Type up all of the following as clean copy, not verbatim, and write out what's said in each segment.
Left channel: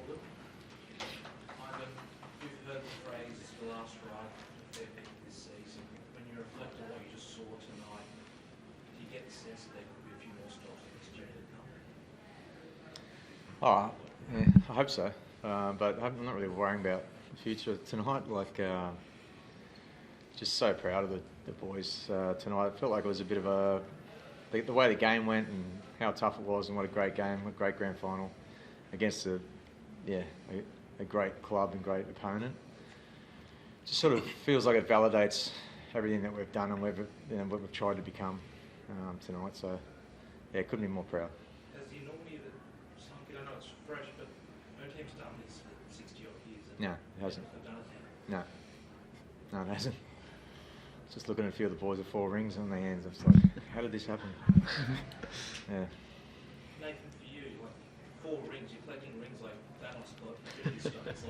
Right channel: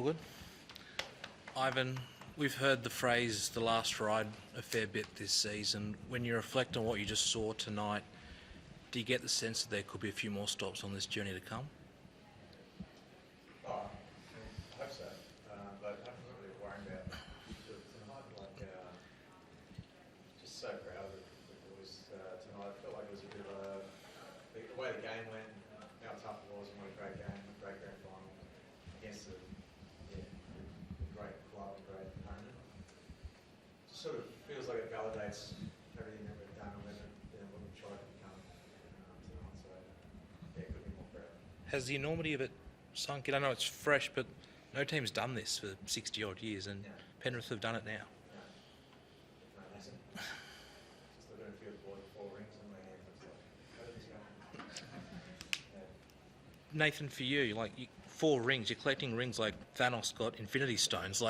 All good. Ivan, we've heard the phrase "the last ride" a fair bit this season. When you reflect on what you just saw tonight, do you get the sense that there could be a few more stops on this journey to come? Yeah, I hope so. But I'm not really worrying about the future tonight. Just so proud of the boys tonight. I felt like it was a bit of the way the game went and how tough it was, and what a great game, what a great grand final against a great club and great opponent. Just sort of feels like it validates everything that we've done and what we've tried to become tonight. So yeah, couldn't be more proud. Has the enormity of it sunk in? I know it's fresh, but no team's done this for 60 odd years, and Penrith have done it now. No, it hasn't. Just looking at a few of the boys with 4 rings on their hands, I was like, how did this happen? Yeah. Nathan, for you, 4 rings, you're collecting rings like Thanos got Infinity Stones.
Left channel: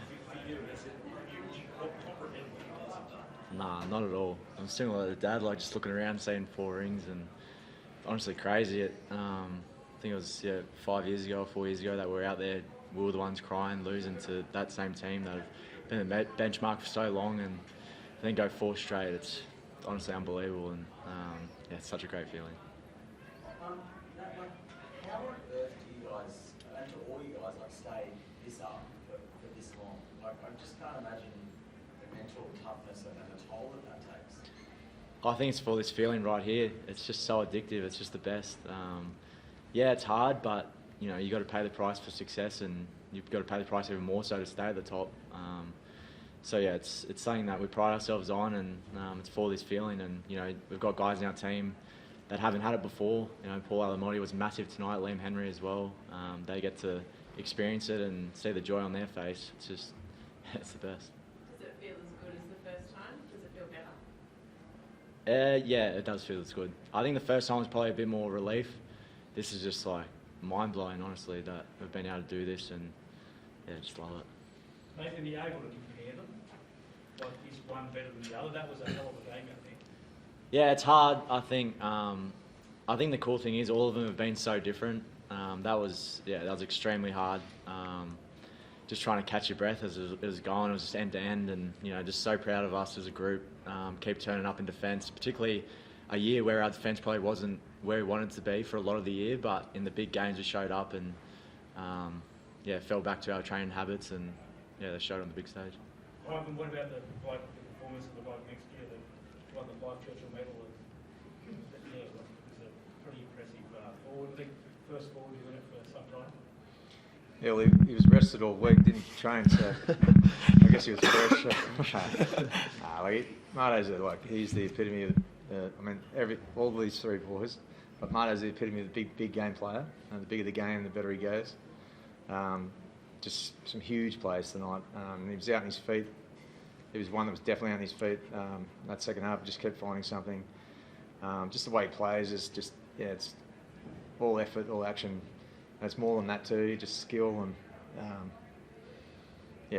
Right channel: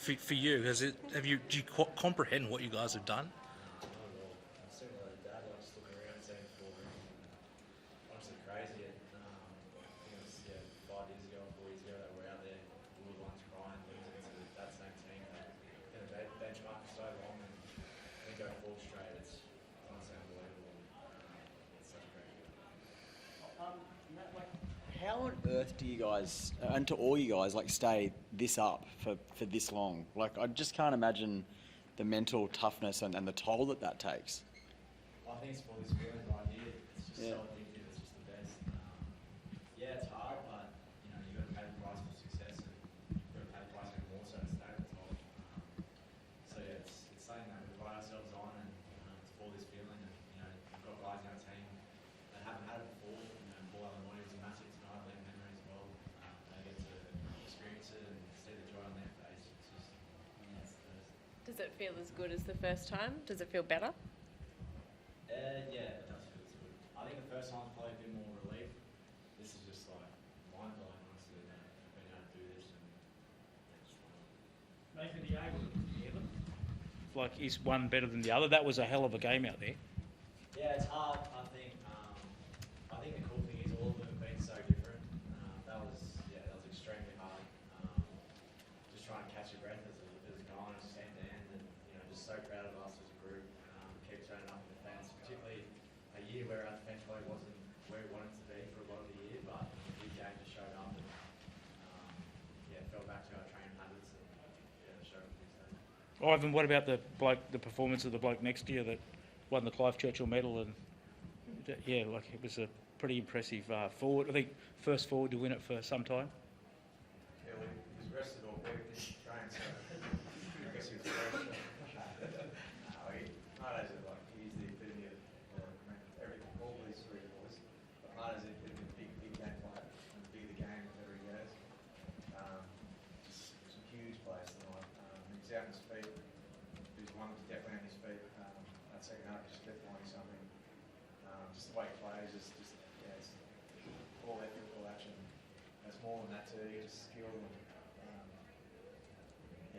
For you, do you comprehend what you guys have done? Nah, not at all. I'm similar to Dad, just looking around, seeing 4 rings, and honestly crazy. I think it was 5 years ago or 4 years ago that we were out there. We were the ones crying, losing to that same team that have been the benchmark for so long, and then go 4 straight. It's honestly unbelievable, and it's such a great feeling. How on earth do you guys, and to all you guys, stay this up for this long? I just can't imagine the mental toughness and the toll that takes. I think it's for this feeling right here. It's just so addictive. It's just the best. It's hard, but you got to pay the price for success, and you've got to pay the price even more so to stay at the top. It's something that we pride ourselves on, and it's for this feeling. And we've got guys in our team that haven't had it before. Paul Alamotti was massive tonight. Liam Henry as well. They get to experience it and see the joy on their face. It's just, it's the best. Does it feel as good as the first time? Does it feel better? It does feel as good. I think the first time was probably a bit more relief. This is just mind blowing, honestly, that we've been able to do this, and just love it. Nathan Yeo, is one better than the other? That was a hell of a game out there. Yeah, it's hard. I think the cool thing is all of them have been so different. That was extremely hard. Just trying to catch your breath as it was going. It was just end to end, and just so proud of us as a group. Keep turning up in defence, particularly a year where our defence probably wasn't where we wanted to be for a lot of the year, but in the big games we showed up and fell back to our training habits, and they showed on the big stage. Ivan, what about the performance of the bloke next year that won the Clive Churchill medal? And it was a pretty impressive forward. I think first forward to win it for some time. Yeah, well, he was rested all week, didn't train, so I guess he was fresh. Marto's he's the epitome of. All these 3 boys, but Marto's the epitome of the big game player. And the bigger the game, the better he goes. Just some huge plays tonight. He was out on his feet. He was one that was definitely on his feet. That second half, just kept finding something. Just the way he plays is just, it's all effort, all action. And it's more than that too, just skill, and he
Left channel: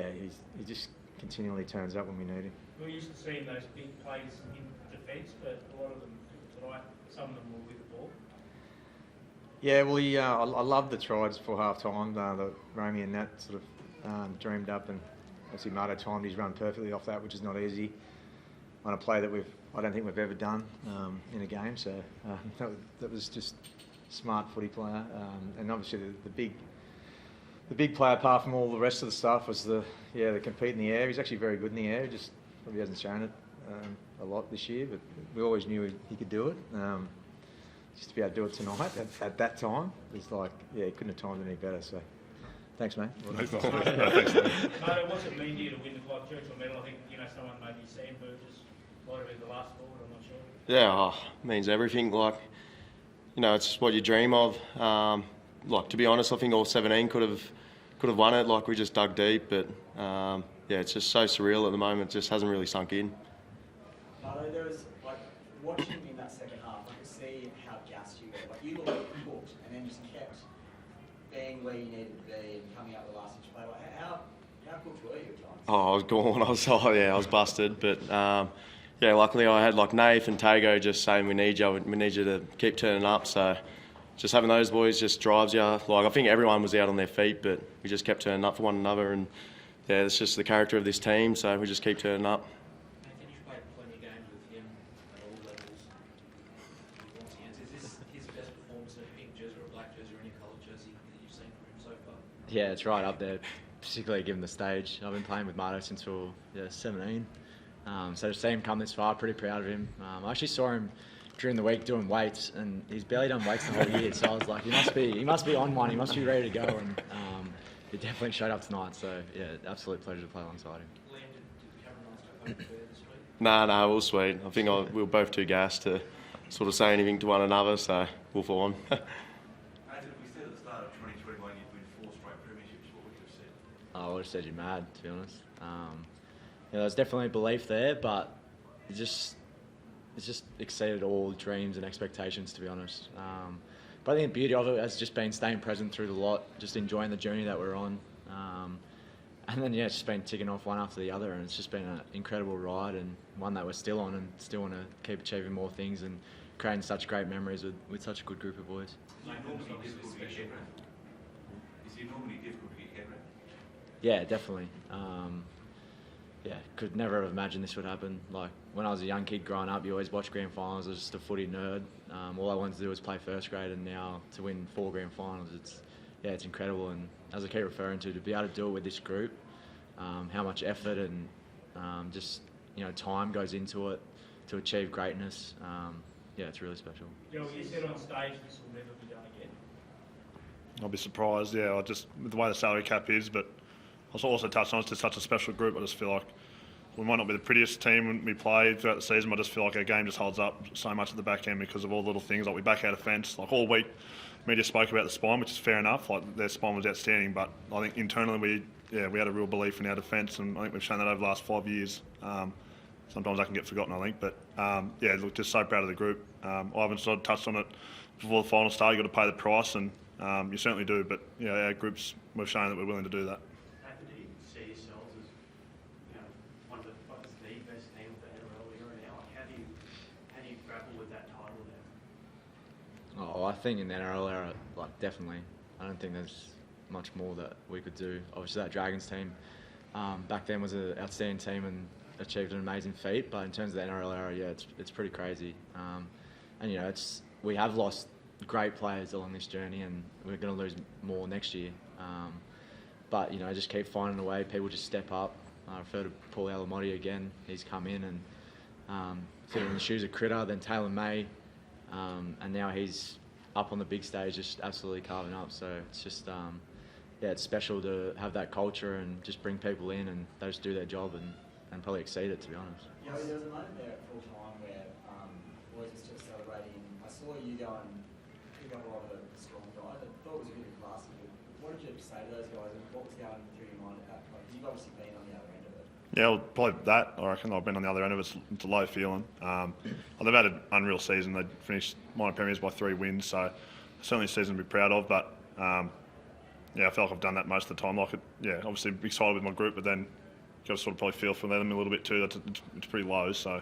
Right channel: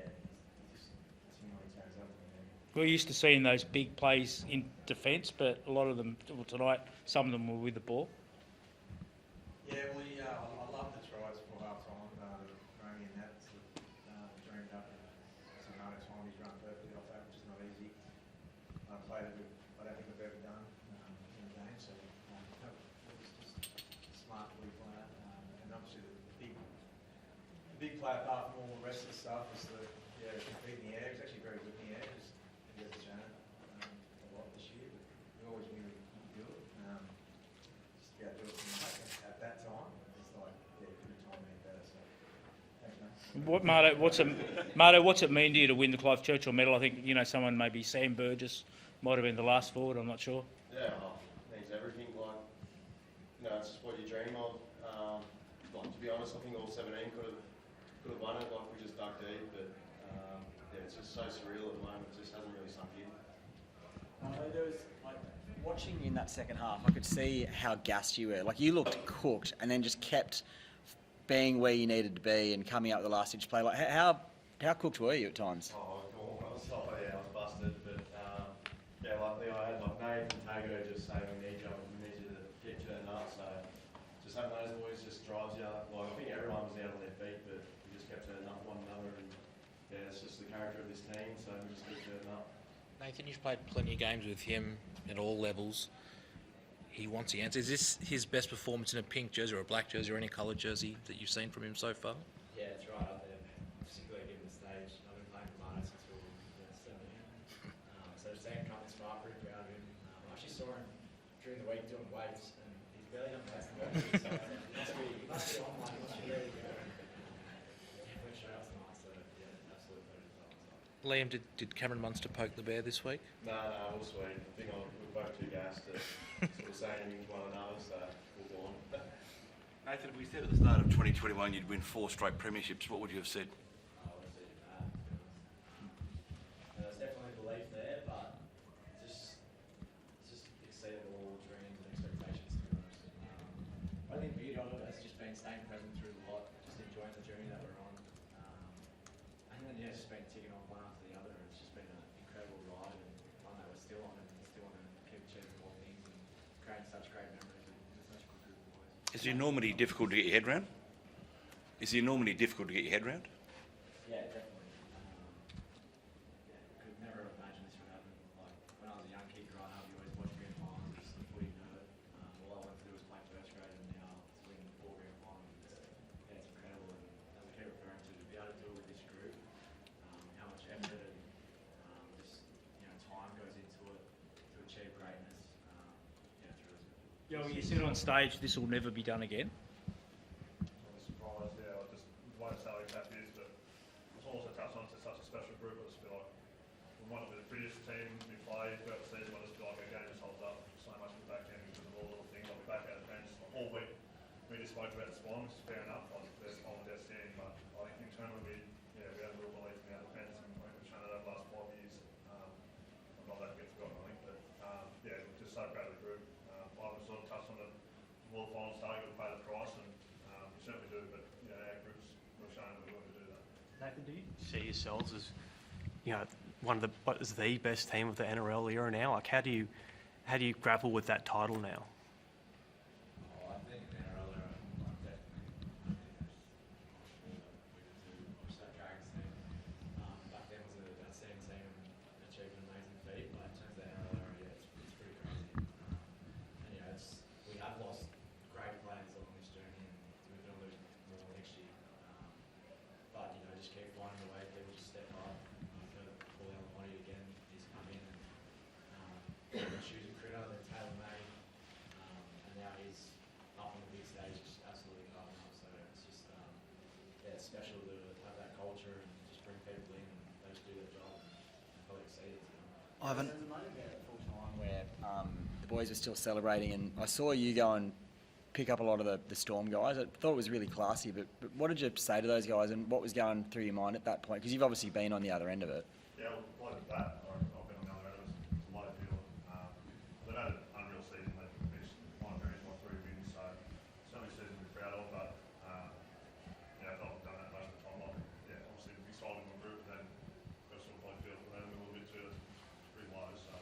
just continually turns up when we need him. We're used to seeing those big plays in defence, but a lot of them, tonight, some of them were with the ball. Yeah, well, I love the tries for half-time, the Romy and Nat sort of dreamed up, and obviously Marto timed his run perfectly off that, which is not easy on a play that I don't think we've ever done in a game, so that was just smart footy player. And obviously the big play, apart from all the rest of the stuff, was the compete in the air. He's actually very good in the air, just probably hasn't shown it a lot this year, but we always knew he could do it. Just to be able to do it tonight at that time, it's he couldn't have timed it any better. So, thanks, mate. Marto, what's it mean to you to win the Clive Churchill medal? I think someone maybe Sam Burgess might have been the last forward. I'm not sure. Yeah, means everything. It's what you dream of. To be honest, I think all 17 could have won it. We just dug deep, but it's just so surreal at the moment. It just hasn't really sunk in. There was watching in that second half, I could see how gassed you were. You looked cooked, and then just kept being where you needed to be and coming up with the last inch play. How cooked were you at times? Oh, I was gone. I was busted, but luckily I had Nath and Tago just saying we need you to keep turning up. So just having those boys just drives you. Like, I think everyone was out on their feet, but we just kept turning up for one another, and yeah, it's just the character of this team, so we just keep turning up. Nathan, you've played plenty of games with him at all levels. He wants the answer. Is this his best performance in a pink jersey or a black jersey or any coloured jersey that you've seen from him so far? Yeah, it's right up there, particularly given the stage. I've been playing with Marto since we were 17. So to see him come this far, pretty proud of him. I actually saw him during the week doing weights, and he's barely done weights the whole year. So I was like, he must be on one. He must be ready to go. And he definitely showed up tonight. So yeah, absolute pleasure to play alongside him. Liam, did Cameron Munster poke the bear this week? No, we were sweet. I think we were both too gassed to sort of say anything to one another, so we'll fall on. Nathan, if we said at the start of 2021 you'd win 4 straight premierships, what would you have said? I would have said you're mad, to be honest. Yeah, there's definitely belief there, but it's just exceeded all dreams and expectations, to be honest. But I think the beauty of it has just been staying present through the lot, just enjoying the journey that we're on. And then, yeah, it's just been ticking off one after the other, and it's just been an incredible ride, and one that we're still on, and still want to keep achieving more things and creating such great memories with such a good group of boys. Is the enormity difficult to get your head round? Yeah, definitely. Yeah, could never have imagined this would happen. Like, when I was a young kid growing up, you always watch grand finals. I was just a footy nerd. All I wanted to do was play first grade, and now to win 4 grand finals, it's incredible. And as I keep referring to be able to do it with this group, how much effort and just time goes into it to achieve greatness. Yeah, it's really special. Yeah, well, you said on stage this will never be done again. I'll be surprised, yeah. With the way the salary cap is, but I also touched on it's just such a special group. I just feel like we might not be the prettiest team when we play throughout the season, but I just feel like our game just holds up so much at the back end because of all the little things. Like, we back out of fence. Like, all week, media spoke about the spine, which is fair enough. Like, their spine was outstanding, but I think internally we had a real belief in our defence, and I think we've shown that over the last 5 years. Sometimes that can get forgotten, I think, but yeah, look, just so proud of the group. Ivan sort of touched on it before the final started. You've got to pay the price, and you certainly do. But our groups, we've shown that we're willing to do that. Nathan, do you see yourselves as one of the best team of the NRL era now? Like, how do you grapple with that title now? Oh, I think in the NRL era, like, definitely. I don't think there's much more that we could do. Obviously, that Dragons team back then was an outstanding team and achieved an amazing feat. But in terms of the NRL era, yeah, it's pretty crazy. And we have lost great players along this journey, and we're going to lose more next year. But just keep finding a way. People just step up. I refer to Paul Alamotti again. He's come in and fitting in the shoes of Critter, then Taylor May, and now he's up on the big stage, just absolutely carving up. So it's just it's special to have that culture and just bring people in, and they just do their job and probably exceed it, to be honest. There was a moment there at full time where the boys were still celebrating, and I saw you go and pick up a lot of the Storm guys. I thought it was really classy, but what did you say to those guys, and what was going through your mind at that point? Because you've obviously been on the other end of it. Yeah, well, probably that. I reckon I've been on the other end of it. It's a low feeling. They've had an unreal season. They finished minor premiers by 3 wins, so certainly a season to be proud of. But I feel like I've done that most of the time. Obviously excited with my group, but then got to sort of probably feel for them a little bit too. It's pretty low. So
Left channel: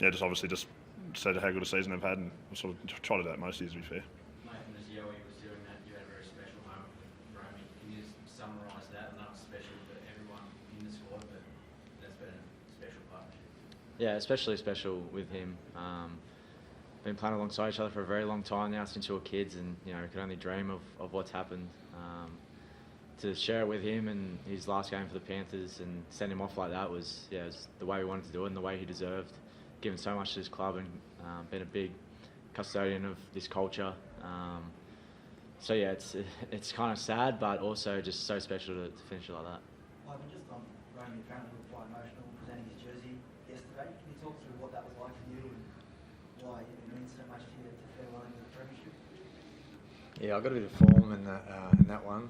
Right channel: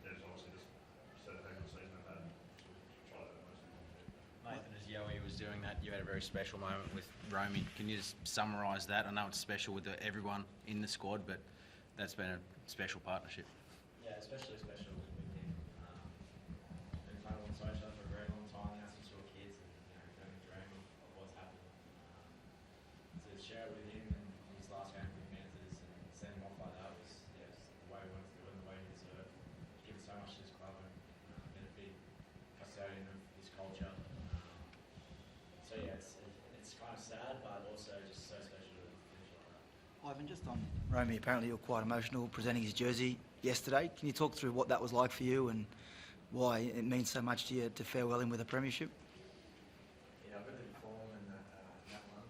just obviously just say how good a season they've had, and we'll sort of try to do that most years, to be fair. Nathan, as Yowie was doing that, you had a very special moment with Romy. Can you just summarise that? I know it's special with everyone in the squad, but that's been a special partnership. Yeah, especially special with him. Been playing alongside each other for a very long time now, since we were kids, and we can only dream of what's happened. To share it with him and his last game for the Panthers and send him off like that was the way we wanted to do it and the way he deserved. Given so much to this club and been a big custodian of this culture. It's kind of sad, but also just so special to finish it like that. Ivan, just on Romy, apparently you're quite emotional presenting his jersey yesterday. Can you talk through what that was like for you and why it means so much to you to farewell him with a premiership? Yeah, I got a bit of form in that one.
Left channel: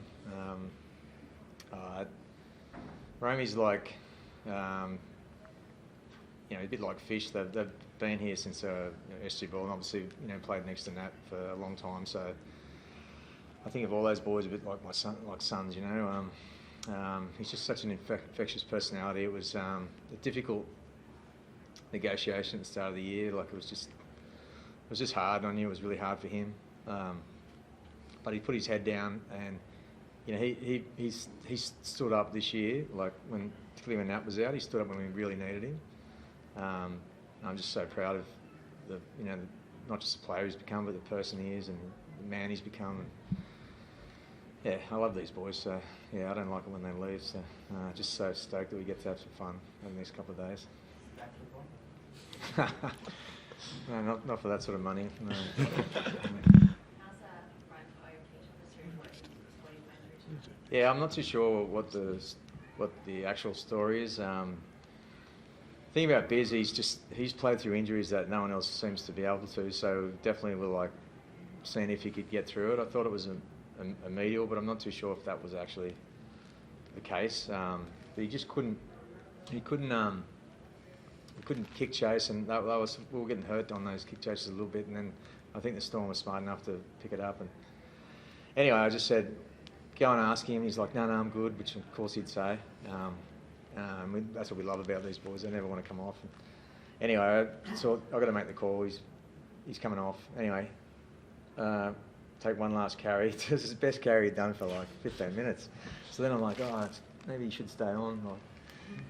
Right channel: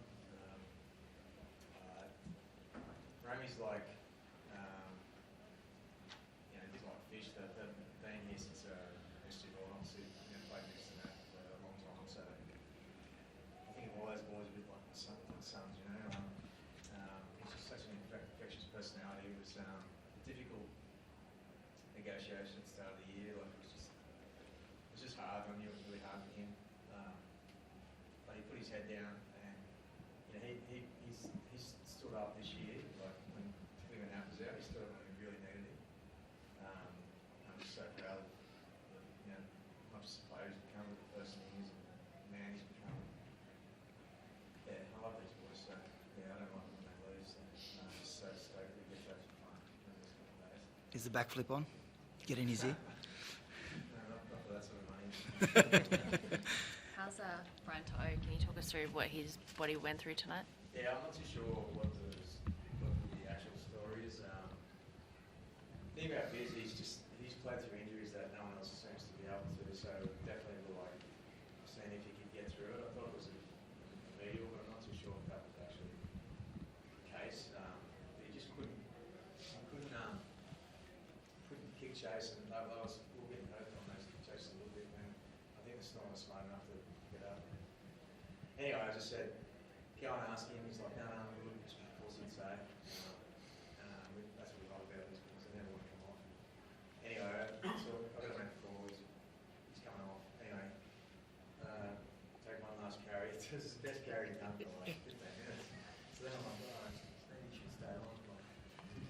Romy's like, a bit like fish. They've been here since SG Ball, and obviously played next to Nat for a long time. So I think of all those boys a bit like my son, like sons. He's just such an infectious personality. It was a difficult negotiation at the start of the year. Like, it was just hard. I knew it was really hard for him. but he put his head down, and you know he stood up this year, like particularly when Nat was out, he stood up when we really needed him. I'm just so proud of not just the player he's become, but the person he is and the man he's become. And yeah, I love these boys. So yeah, I don't like it when they leave. So just so stoked that we get to have some fun over the next couple of days. Is the backflip on? Get in his ear? No, not for that sort of money. No. How's Brian To'o? Can you talk us through what he went through tonight? Yeah, I'm not too sure what the actual story is. The thing about Biz, he's played through injuries that no one else seems to be able to. So definitely we're seeing if he could get through it. I thought it was a medial, but I'm not too sure if that was actually the case. But he just couldn't. He couldn't kick chase, and we were getting hurt on those kick chases a little bit. And then I think the Storm was smart enough to pick it up. And anyway, I just said, go and ask him. He's like, no, I'm good, which of course he'd say. That's what we love about these boys. They never want to come off. Anyway, so I've got to make the call. He's coming off. Anyway, take one last carry. It was his best carry he'd done for 15 minutes. So then I'm like, maybe he should stay on.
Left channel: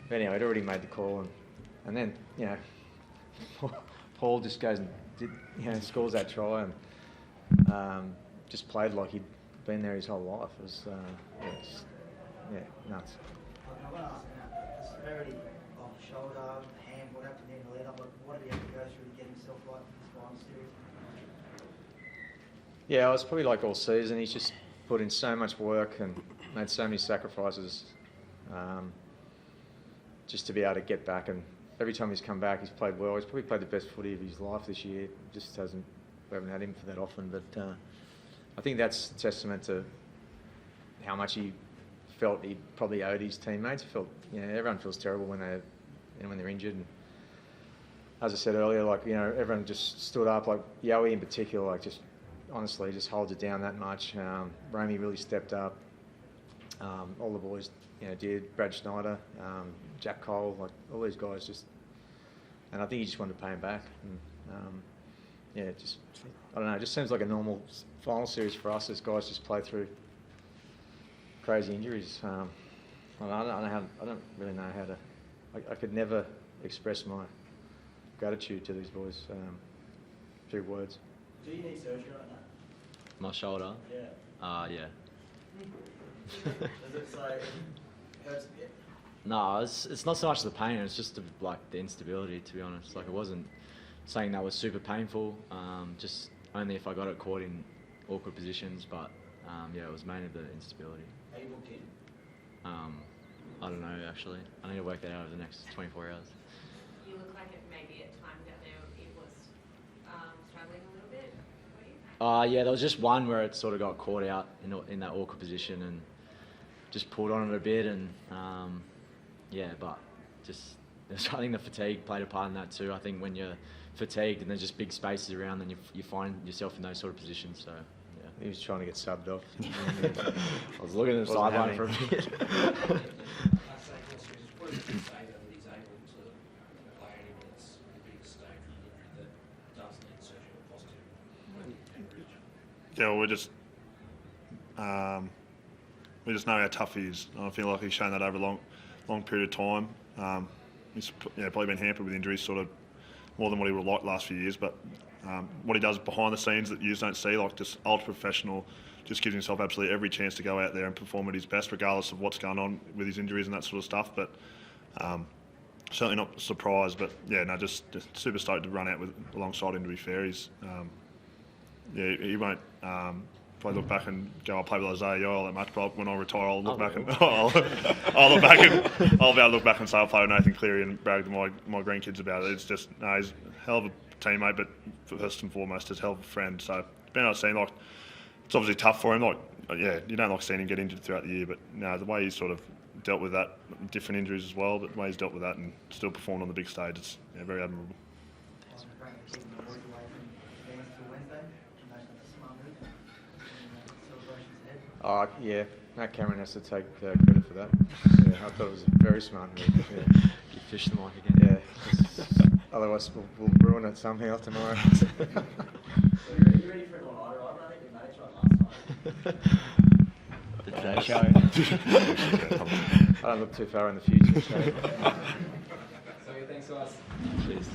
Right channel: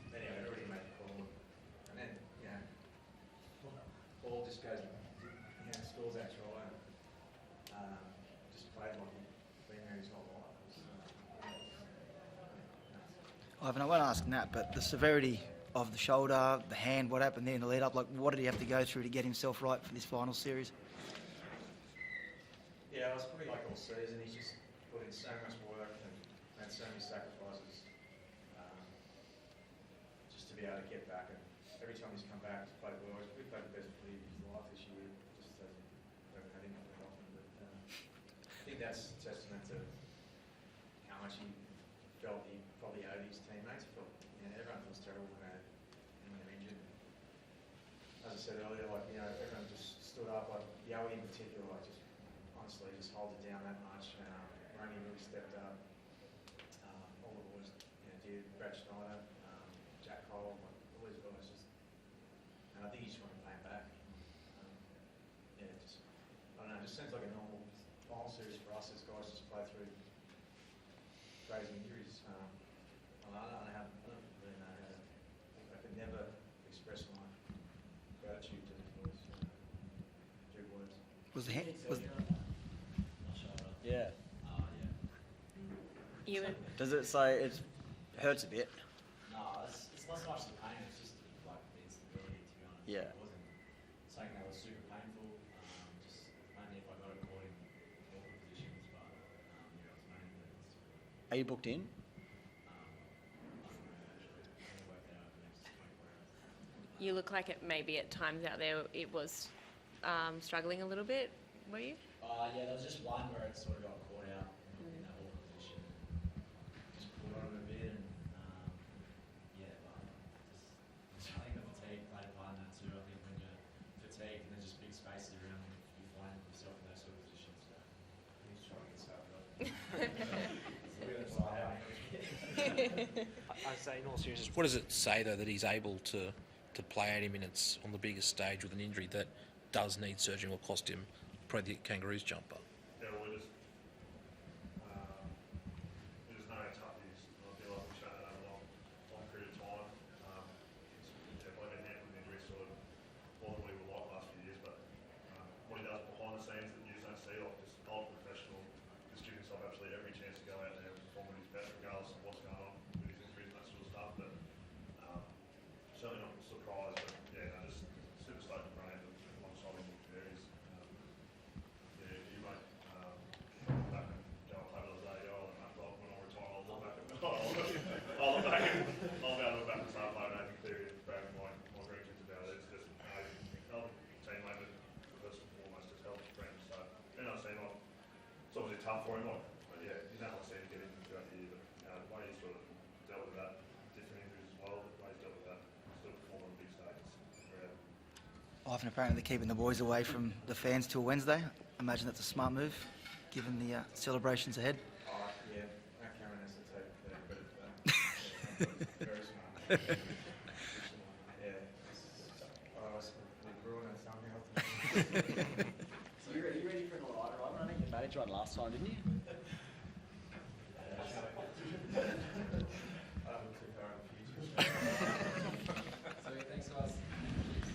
But anyway, I'd already made the call. And then, Paul just goes and scores that try and just played like he'd been there his whole life. It was nuts. Ivan, I won't ask Nat, but the severity of the shoulder, the hand, what happened there in the lead up, what did he have to go through to get himself right for this final series? Yeah, it was probably like all season. He's just put in so much work and made so many sacrifices just to be able to get back. And every time he's come back, he's played well. He's probably played the best footy of his life this year. We haven't had him for that often, but I think that's a testament to how much he felt he probably owed his teammates. Everyone feels terrible when they're injured. And as I said earlier, everyone just stood up. Like Yowie in particular, honestly just holds it down that much. Romy really stepped up. All the boys, did. Brad Schneider, Jack Cole, all these guys and I think he just wanted to pay him back. And, I don't know. It just seems like a normal final series for us as guys just play through crazy injuries. I don't really know how to. I could never express my gratitude to these boys through words. Was the My shoulder? Yeah. Yeah. Does it say it hurts a bit? No, it's not so much the pain, it's just the instability, to be honest. Yeah. It wasn't something that was super painful, just only if I got it caught in awkward positions, but it was mainly the instability. Are you booked in? I don't know, actually. I need to work that out over the next 24 hours. You look like it maybe at times out there it was struggling a little bit, were you? Yeah, there was just one where it sort of got caught out in that awkward position and just pulled on it a bit, and but I think the fatigue played a part in that too. I think when you're fatigued and there's just big spaces around, then you find yourself in those sort of positions. So he was trying to get subbed off. I was looking at the sideline for a bit. What does it say though that he's able to play 80 minutes on the biggest stage with an injury that does need surgery or cost him probably the Kangaroos jumper? Yeah, well, we just know how tough he is. I feel like he's shown that over a long period of time. He's probably been hampered with injuries sort of more than what he would like last few years, but what he does behind the scenes that you don't see, just ultra professional, just gives himself absolutely every chance to go out there and perform at his best, regardless of what's going on with his injuries and that sort of stuff. But certainly not surprised, but just super stoked to run out alongside him. To be fair, he's he won't probably look back and go, I'll play with Isaah Yeo all that much, but when I retire, I'll look back and I'll look back and I'll be able to look back and say I'll play with Nathan Cleary and brag to my grandkids about it. It's just he's a hell of a teammate, but first and foremost, he's a hell of a friend. So being able to see him, it's obviously tough for him. You don't like seeing him get injured throughout the year, but the way he's sort of dealt with that, different injuries as well, but the way he's dealt with that and still performed on the big stage, it's very admirable. Ivan, apparently keeping the boys away from the fans till Wednesday. Imagine that's a smart move, given the celebrations ahead. Oh, yeah. Matt Cameron has to take credit for that. Yeah, I thought it was a very smart move. You fish the mic again. Yeah. Otherwise, we'll ruin it somehow tomorrow. So are you ready for the lighter, Ivan? The Today Show. I don't look too far in the future. So. So thanks, guys. Cheers.